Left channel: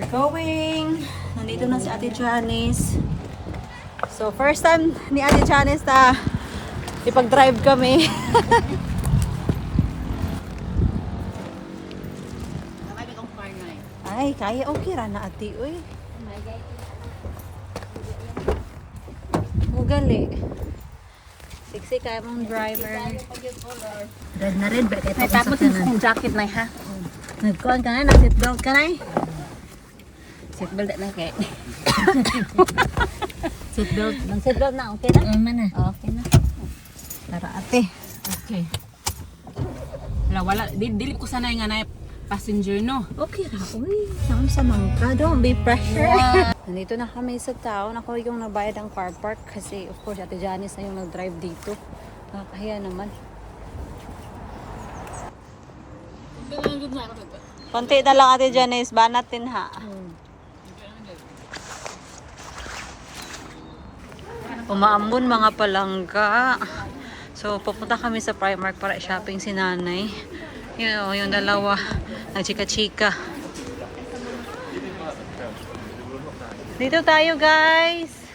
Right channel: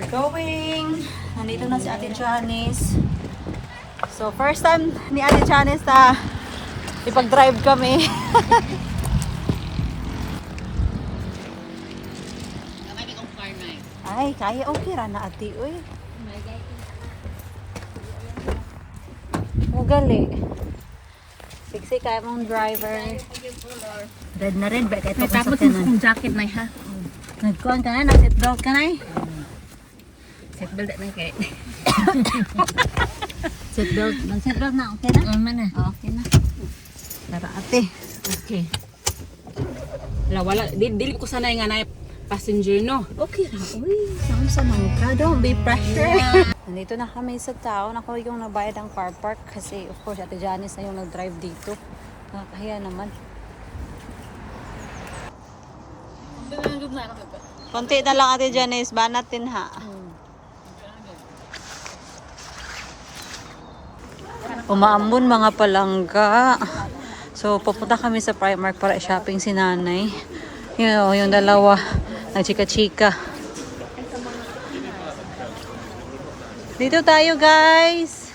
We're going. Nandito na si Ate Janice. So, first time ni Ate Janice na ipag-drive kami. Ay, kaya okay ra na ate, uy. Mugali. Siksi kaya mong driver. Red na red, bakit ito Tapos yung jacket na ha. Nagkuhan ka na, nag-seatbelt ka na eh. Seatbelt na kay. Seatbelt, nag-seatbelt na, okay na? Mana? Okay na. Tara ate. Okay. Wala, dili ko sanay nga na passenger no. Okay na, uy. Sama-samang ka, don't be pressure. Nandito na kami sa town. Ako yung nabayad ang car park kasi of course Ate Janice na yung nag-drive dito. Nakakahiya naman. Konti na lang Ate Janice, banat din ha. Umaambon mga palangga. So pupunta kami sa Primark para shopping si nanay. Yung dalawa, nagchika-chika. Dito tayo guys.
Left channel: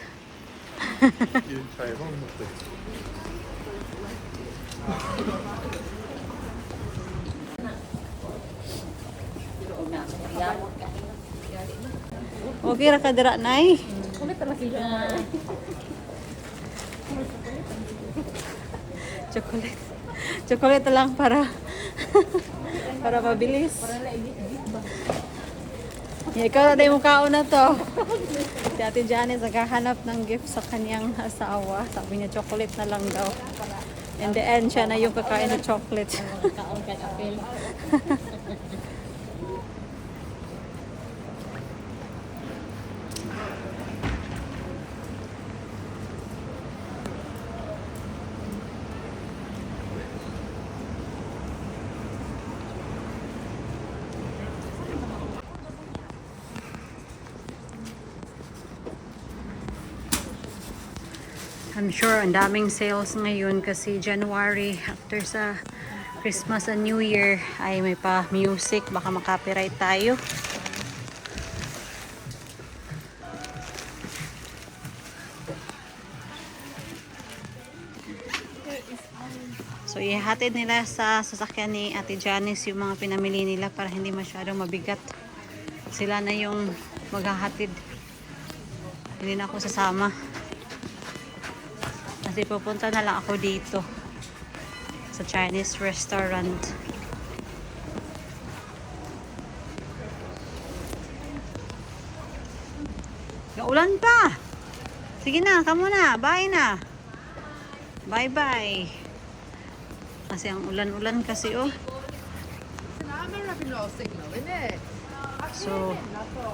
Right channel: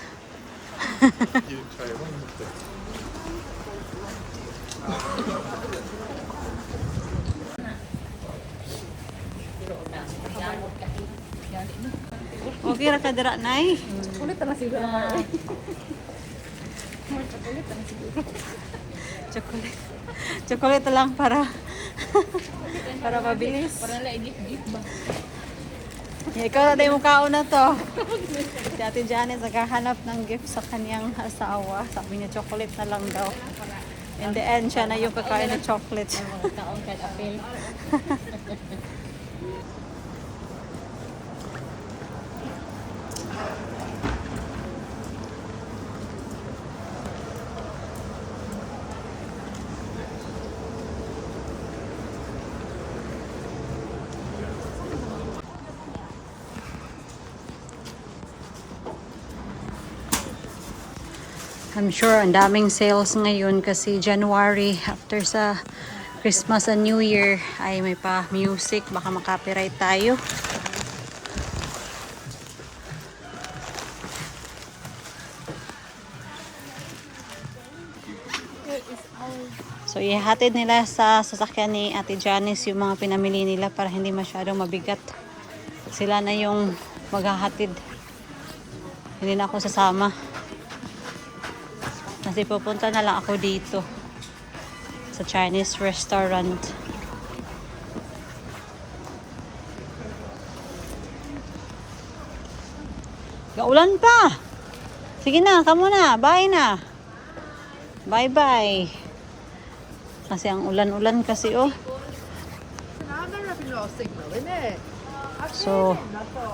Okay ra ka dira nay. Chocolate. Chocolate lang para para mabilis. Para la gift ba. Ikaw na yung kaon na to. Si Ate Janice naghahanap ng gift sa kanyang asawa. Sabi niya chocolate na lang daw. In the end, siya na yung kakain ng chocolate. I'm sure ang daming sales ngayon kasi January after sa Christmas and New Year ay may pa music, baka makapiright tayo. So ihatid nila sa sasakyan ni Ate Janice yung mga pinamili nila para hindi masyadong mabigat. Sila na yung maghahatid. Hindi na ako sasama. Kasi pupunta na lang ako dito sa Chinese restaurant. Kaulan pa. Sige na, kamo na. Bye na. Bye-bye. Kasi ang ulan-ulan kasi oh. So,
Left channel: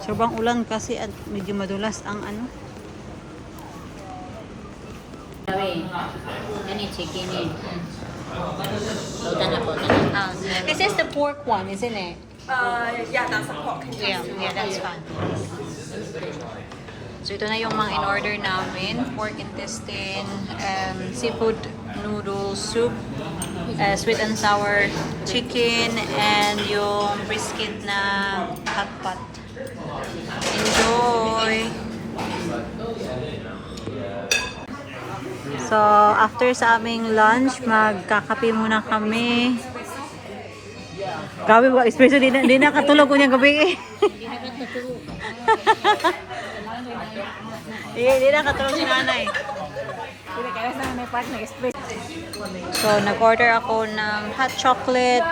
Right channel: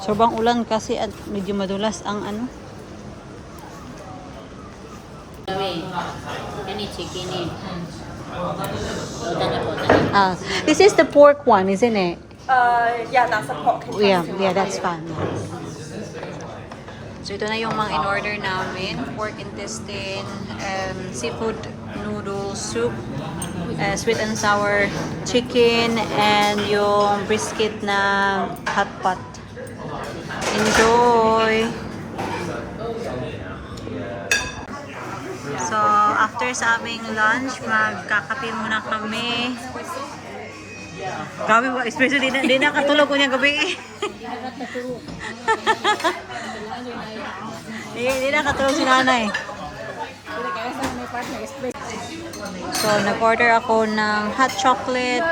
sobrang ulan kasi at medyo madulas ang ano. Any chicken in. This is the pork one, isn't it? Yeah, that's a pork. Yeah, that's fine. So ito na yung mga in-order namin. Pork intestine, seafood noodle soup, sweet and sour chicken, and yung brisket na hot pot. Enjoy! So, after sa aming lunch, magkakape muna kami. Gabi ba? Especially, hindi nakatulog ko niya gabi eh. Hindi nakatulog si nanay. So, nag-order ako ng hot chocolate,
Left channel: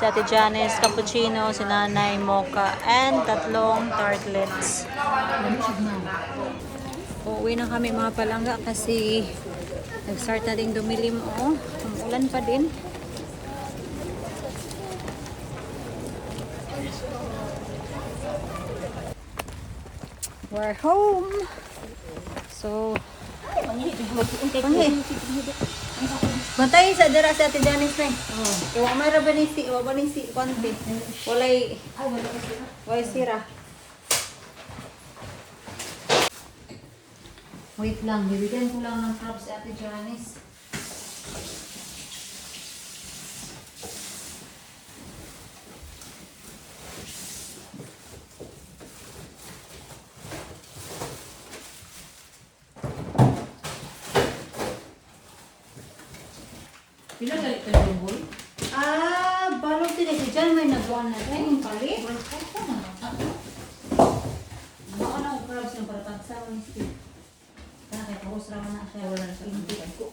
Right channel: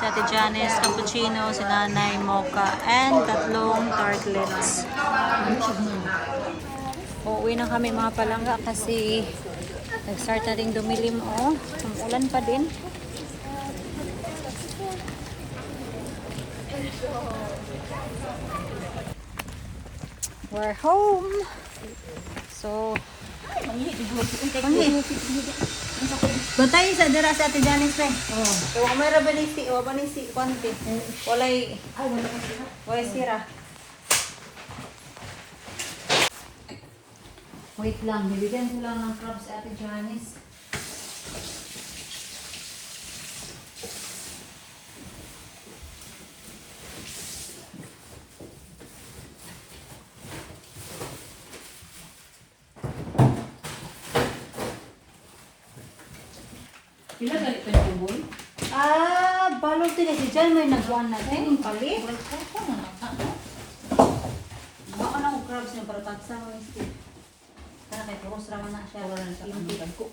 si Ate Janice, cappuccino, si nanay, mocha, and 3 tartlets. Uuwi na kami mga palangga kasi nag-start na rin dumilim oh. Umulan pa din. We're home. So, bantay sa dira sa Ate Janice na. Ewa may rabanisi, konti. Walay sira. Wait lang, bibigyan ko lang ng crabs si Ate Janice. Pila dali ko yung boy? Balog din ito dyan. May nagawa na tayo. Palit. Baka na ang crowds yung paratagsa mo yung para kay Pagos rama na siya. Wala na sa pintitan ko.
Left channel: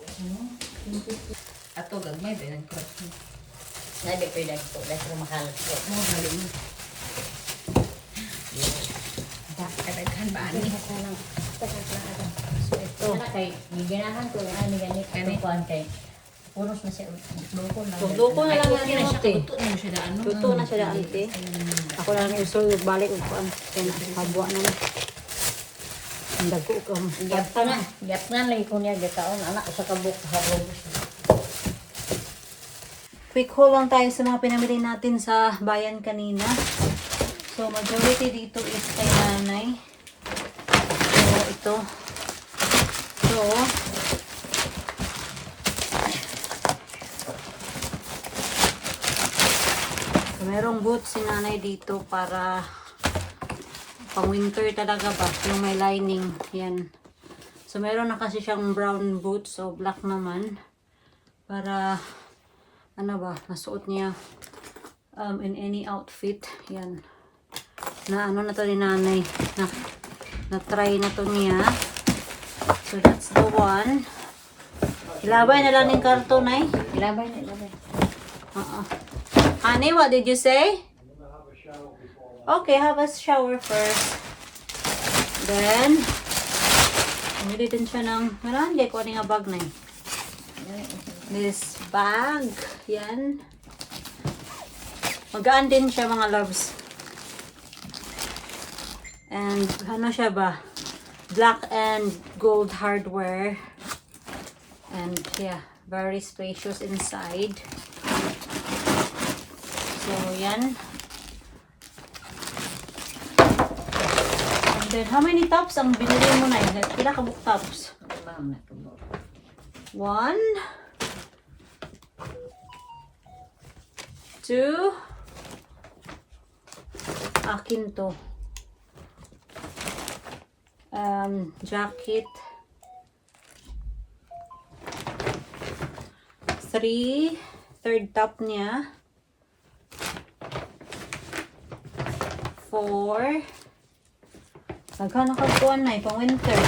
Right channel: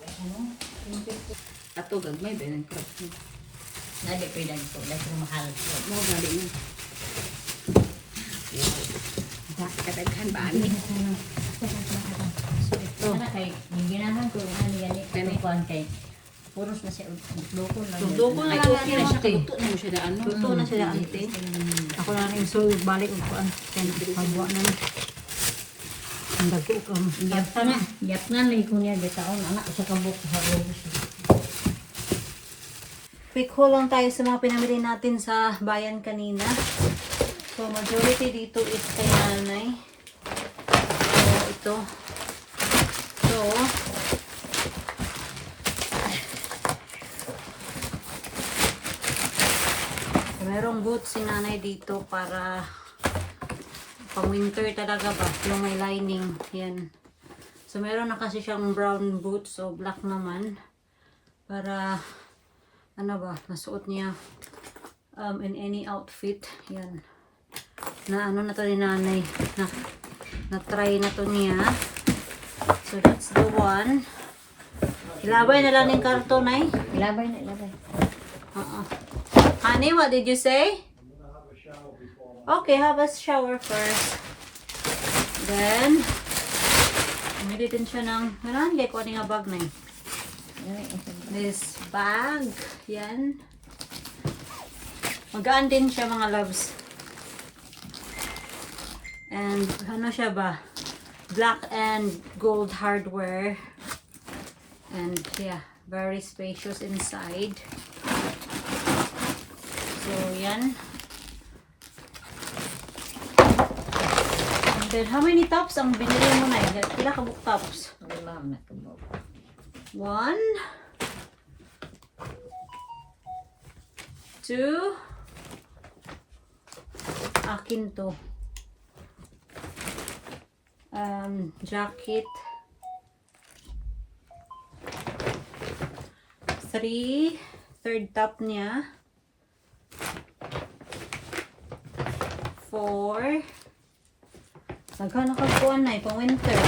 Ato gagmay ba yung crab mo? Nadi ko yung ko. Dahil kumakalat ko. Mo gali mo. Kadaghan ba ani? So, ito. Kay, ginahan ko. Ano ganit. Kukuhan kay. Puros na siya. Lukon lang. Luto na Ay, lang okay yan. na siya. Ate. Luto na siya daan. Luto na siya daan, ate. Ako lang yung sulog balik ko. Kabuha na na. Ang dago ko. Yap na. Yap na lang ko niya. Gataon. Anak sa kabuk. Sa kabuk. Quick haul lang tayo sa mga pinamili natin sa bayan kanina. So, majority dito is kay nanay. So, ito. So, merong boots si nanay dito para pang winter talaga ba, yung may lining. Yan. So, meron na kasi siyang brown boots. So, black naman. Para ano ba, nasuot niya in any outfit. Yan. Na ano na to ni nanay. Na try na to niya. So that's the one. Ilabay na lang yung karton ay. Ilabay na. Ilabay. Honey, what did you say? Okay, have a shower first. Then, umili din siya ng, marami ko ano nga bag na yun. This bag. Yan. Magaan din siya mga loves. And ano siya ba? Black and gold hardware. And yeah, very spacious inside. So yan. And then how many tops ang binili mo na yun? Like, pila ka book tops? Alam na ko. 1 2 akin to jacket 3 third top niya 4 naghanap kagkuhan na pang winter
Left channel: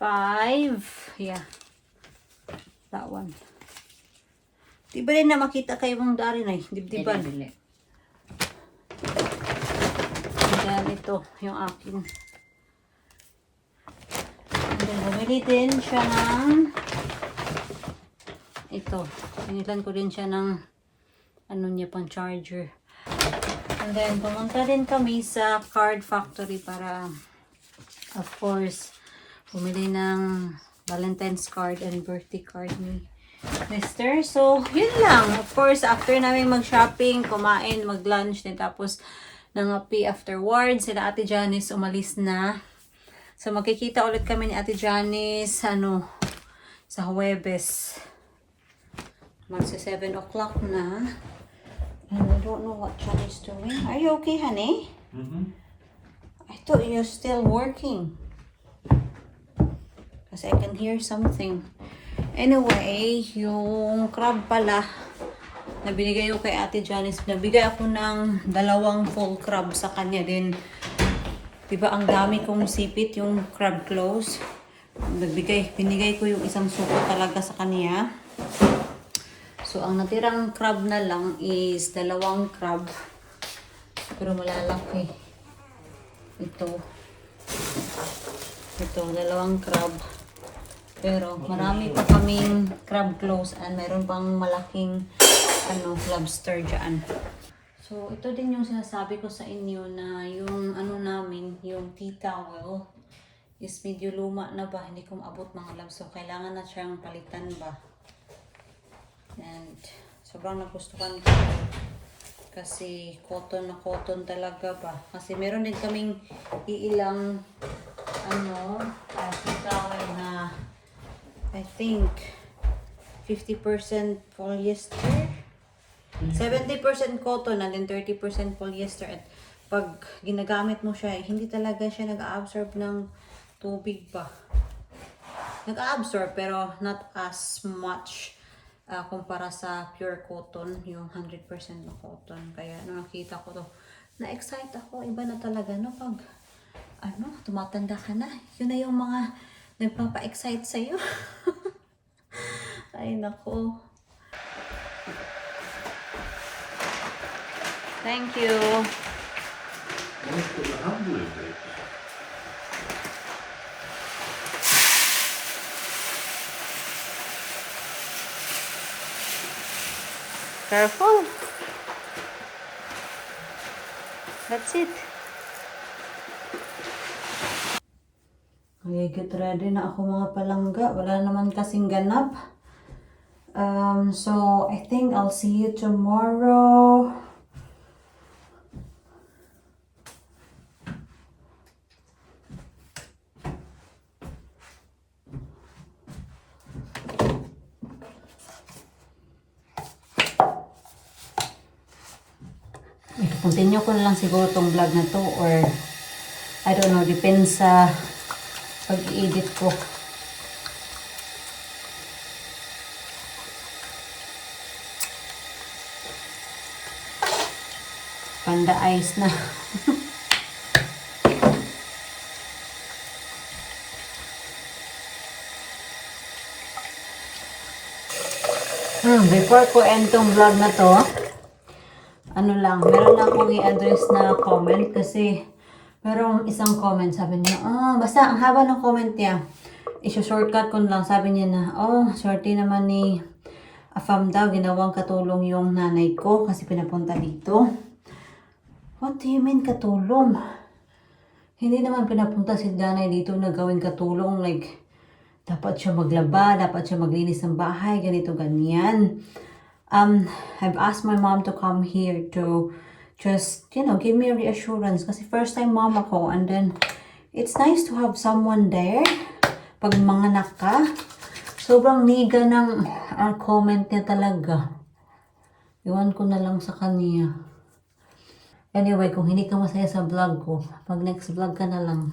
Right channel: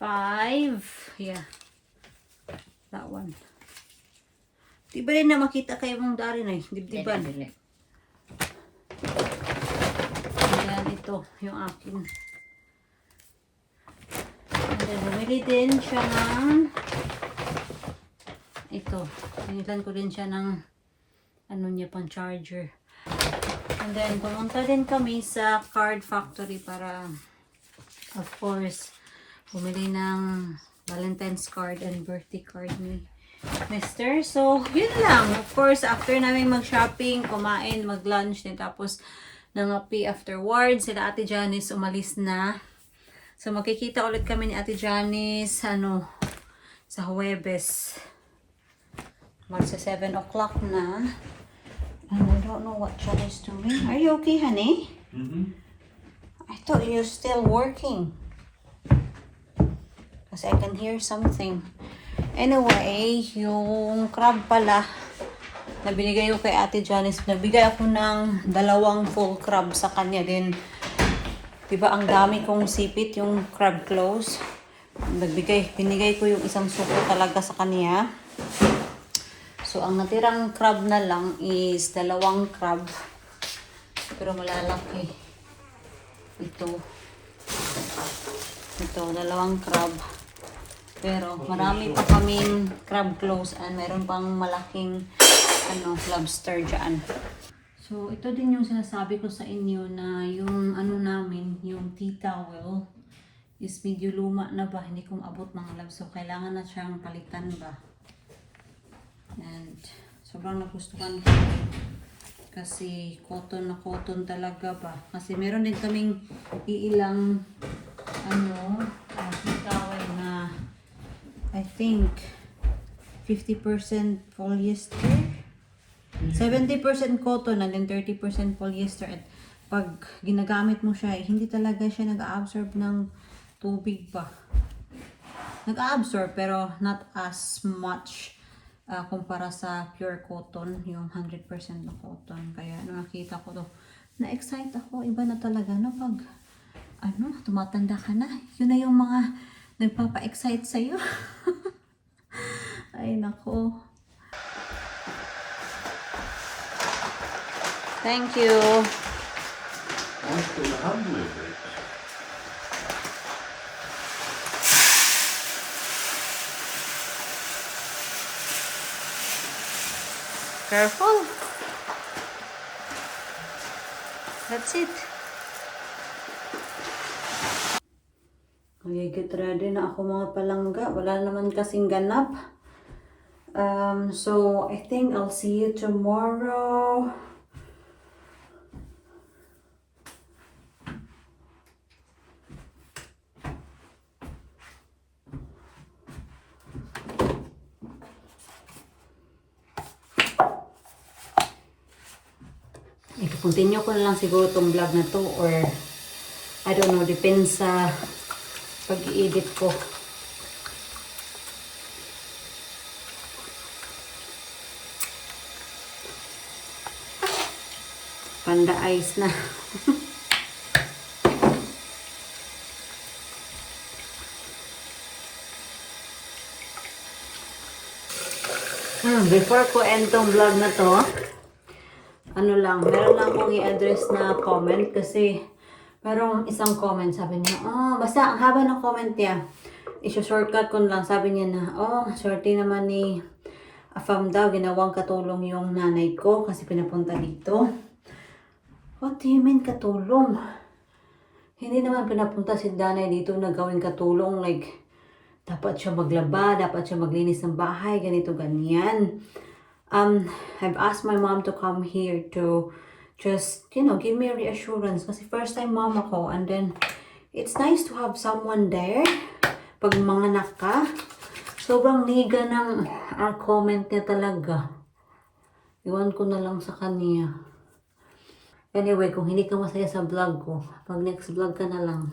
5 yeah that one. Di ba rin na makita kayo mong dari na dibdiban? Dili. Ayan, ito yung akin. And then, bumili din siya ng ito. Pinilan ko din siya ng ano niya, pang charger. And then, pumunta din kami sa card factory para of course, bumili ng Valentine's card and birthday card ni Mister. So, yun lang. Of course, after namin mag-shopping, kumain, mag-lunch, din tapos nangapi afterwards, sila Ate Janice umalis na. So, makikita ulit kami ni Ate Janice, sa Huwebes. Magsa 7 o'clock na. And I don't know what Charlie's doing. Are you okay, honey? I thought you're still working. Kasi I can hear something. Anyway, yung crab pala, na binigay ko kay Ate Janice, nabigay ako ng 2 full crab sa kanya din. Diba, ang dami kong sipit, yung crab claws. Binigay ko yung isang suko talaga sa kanya. So, ang natirang crab na lang is 2 crab. Pero malalaki. Ito, 2 crab. Pero marami pa kaming crab claws and meron pang malaking lobster dyan. So ito din yung sinasabi ko sa inyo na yung namin, yung tea towel is medyo luma na ba, hindi ko maabot mga loves. So kailangan na siyang palitan ba. And sobrang nagustuhan ko kasi cotton na cotton talaga ba. Kasi meron din kaming iilang tea towel na I think 50% polyester, 70% cotton, and then 30% polyester. At pag ginagamit mo siya, hindi talaga siya nag-absorb ng tubig ba. Nag-absorb pero not as much kumpara sa pure cotton, yung 100% na cotton. Kaya nung nakita ko to, na-excite ako. Iba na talaga no pag tumatanda ka na. Yun na yung mga nagpapa-excite sa'yo. Ay nako. Thank you. Careful. That's it. Okay, get ready na ako mga palangga. Wala naman kasing ganap. So, I think I'll see you tomorrow. I-continue ko na lang siguro tong vlog na to or I don't know, depends sa pag-i-edit ko. Panda ice na. Before ko end tong vlog na to, ano lang, meron lang akong i-address na comment kasi merong isang comment, sabi niya, basta ang haba ng comment niya, shortcut ko lang, sabi niya na, swerte naman ni Afam daw, ginawang katulong yung nanay ko kasi pinapunta dito. What do you mean katulong? Hindi naman pinapunta si nanay dito na gawing katulong, like, dapat siya maglaba, dapat siya maglinis ng bahay, ganito, ganyan. I've asked my mom to come here to just, give me a reassurance. Kasi first time mom ako. And then, it's nice to have someone there. Pag manganak ka, sobrang liga ng comment niya talaga. Iwan ko na lang sa kanya. Anyway, kung hindi ka masaya sa vlog ko, pag next vlog ka na lang.